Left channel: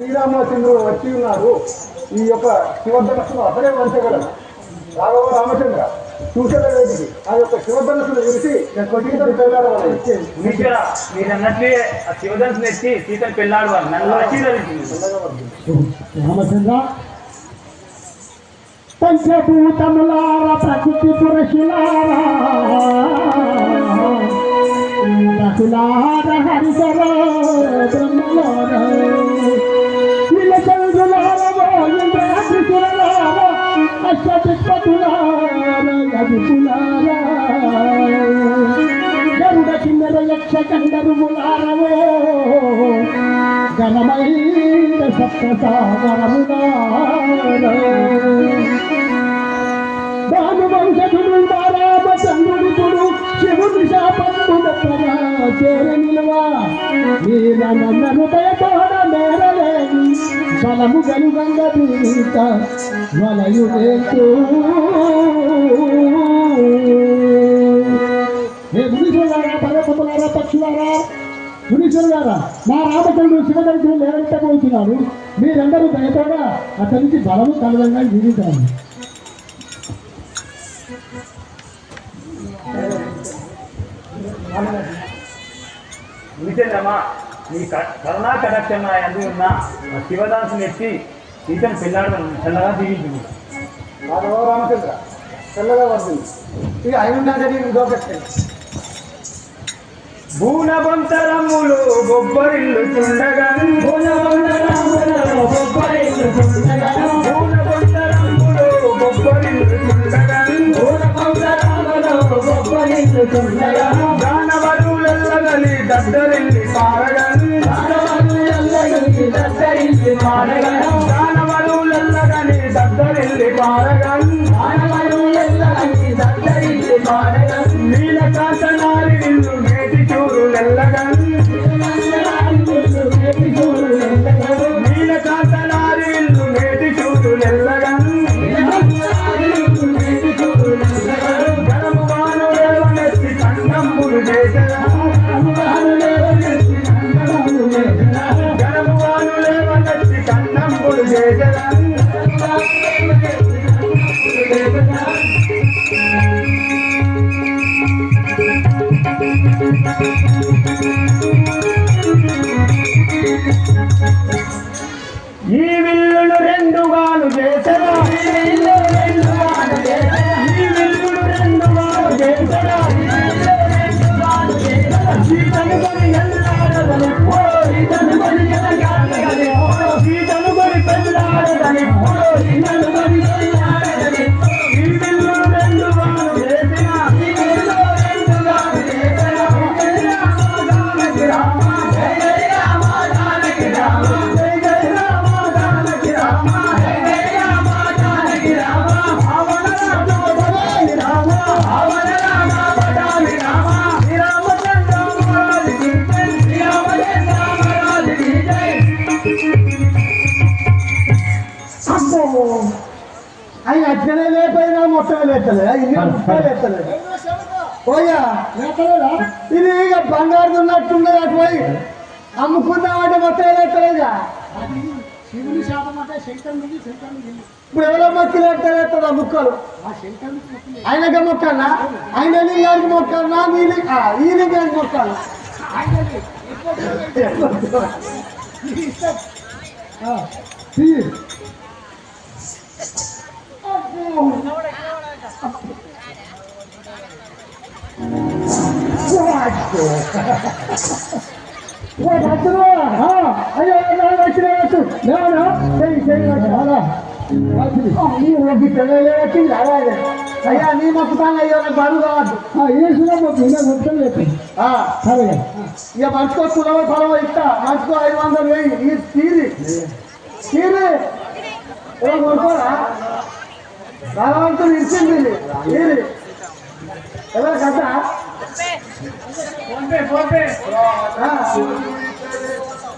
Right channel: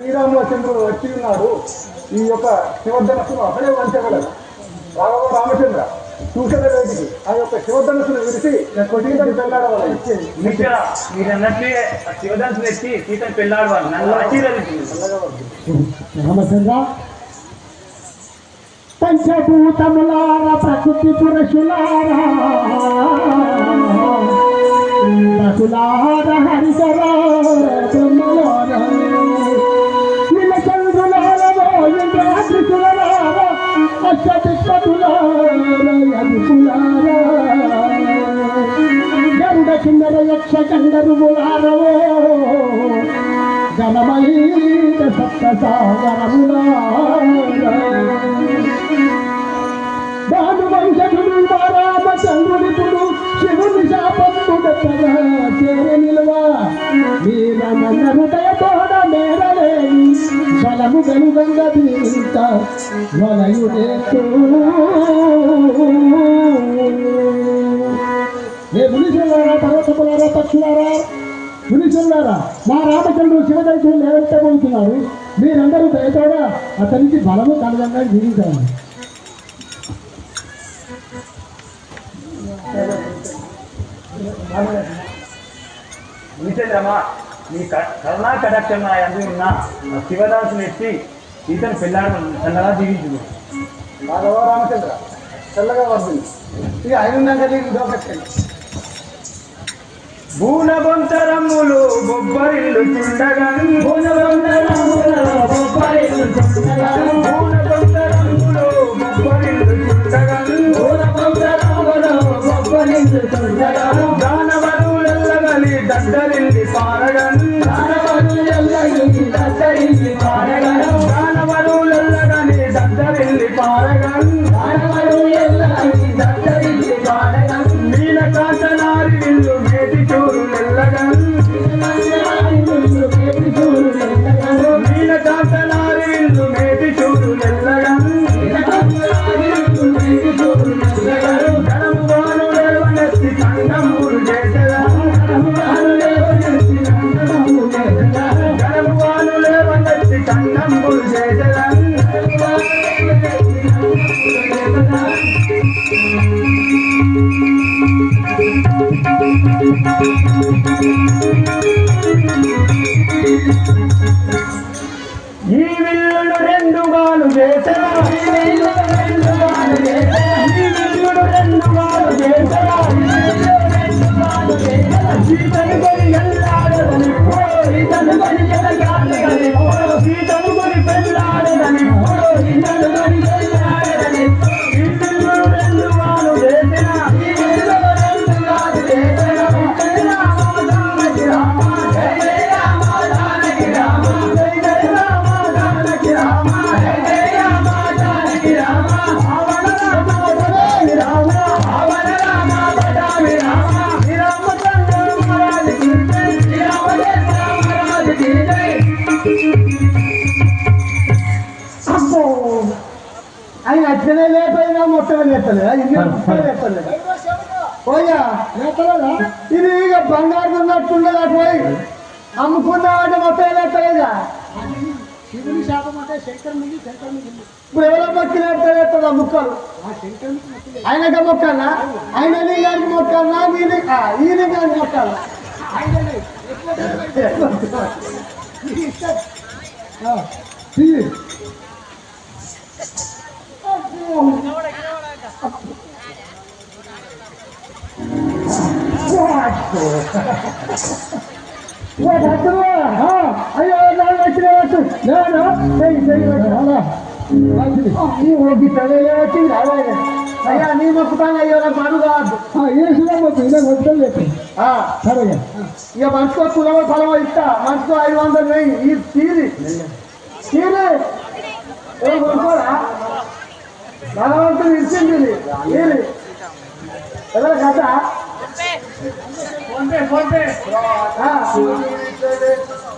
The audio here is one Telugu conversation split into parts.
శ్రీరామచంద్రుడు వచ్చి ఉన్నాడు ఈ యొక్క శివధనస్సును అసలే వంచగలడు రాఘవ రామచంద్ర చూసేది ఆ యొక్క శివధనస్సును అన్నట్లే ఆ శివధనుసుని ఎత్తి సీతను పెళ్ళాడు నన్ను రామచంద్ర పంచభూతములార ప్రకృతి పురుషులారా హరిసర అష్టదిక్పతులార యదుకులార గరుడ కిన్నెర యక్ష ఘనమైన సప్త భానువంశుడు రామచంద్రుడిపుడు శివుని శాపము గొప్పగా చేర నిలవా వీరనన్న ఫలము గనుగంగ దీత వలయుడేతూ ఏ మునిసులారా పర్వతములారా పక్షులారా మునిసులారా మా రామచంద్రుడు శివదర్శనం లేవెత్తబోతున్నాడు మీరందరూ దయతోడా అతనికి బలము కలదంగా జీవించాలి నిజమా నీ కరుణా కటాక్షం నా ఎందు ఉన్న శివదాసుని ఎత్తి సీతను పెళ్ళాడు చల్లగా దీవించు రాఘవ రామచంద్ర చల్లగా వస్తుంది ఇక ఆయన ఉన్నాక నీకు దోపెట్టండి భూనబంతరములు బొబ్బరిల్లు చుండగన్ భూనబంతరములు బొబ్బరిల్లు చుండగన్ దానవరులెల్లగలి దద్దరిల్లి ఈ విల్లును రెండుగాను చేసెదా ఈ విల్లులు రెండుగాను చేసెదా అమ్మో ఆయన అట్లనే లేకపోయినా మొత్తం లేపలేదు? ఇన్ని ముక్కలు లేపలేదు? పోయా? ఇది ఇక బంగారు ఉన్నట్టున్నది అటు పోయి అమ్ముకుందామంటే మొత్తం లేపలేదా? ఇప్పుడు ఎవరో మొక్కి లేపుతా ముక్కలు. ఆయనకి మొక్కన్నా ఆయన లింగానికి మొక్కన్నా నీ లింగ ఈ లింగానికి Ah, pi. Wait, that's the one, huh? I don't know what you're doing. No, no, say, say, like, hold on. Oh, you will be telling me what you're doing. అయ్యా నీ మొక్కుతాను అయ్యో నాకు పని కాదు. వేసిన మొక్కు నేను మొత్తం సరే. ఇక మనిషికో కులవ పొలవ ఇస్తా. మనిషికో ఐదు వందలు వేయి. ఈ తీరి. తీరి. కొనుక్కోరా భగవంతుడు ఇచ్చింది. తీరి. ఎవరు కథ ఫోన్పే ఫోన్పే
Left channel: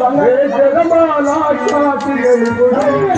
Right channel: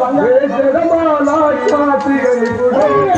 माला छा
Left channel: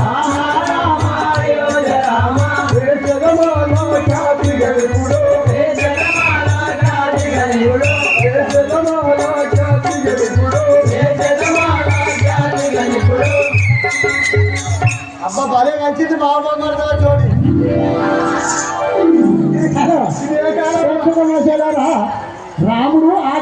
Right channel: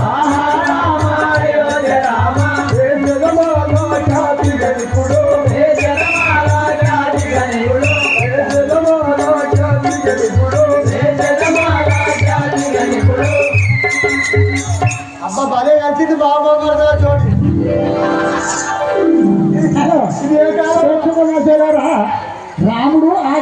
అబ్బా భలే కలిసింది బాబా మరదా జోడి. రాముడు ఆ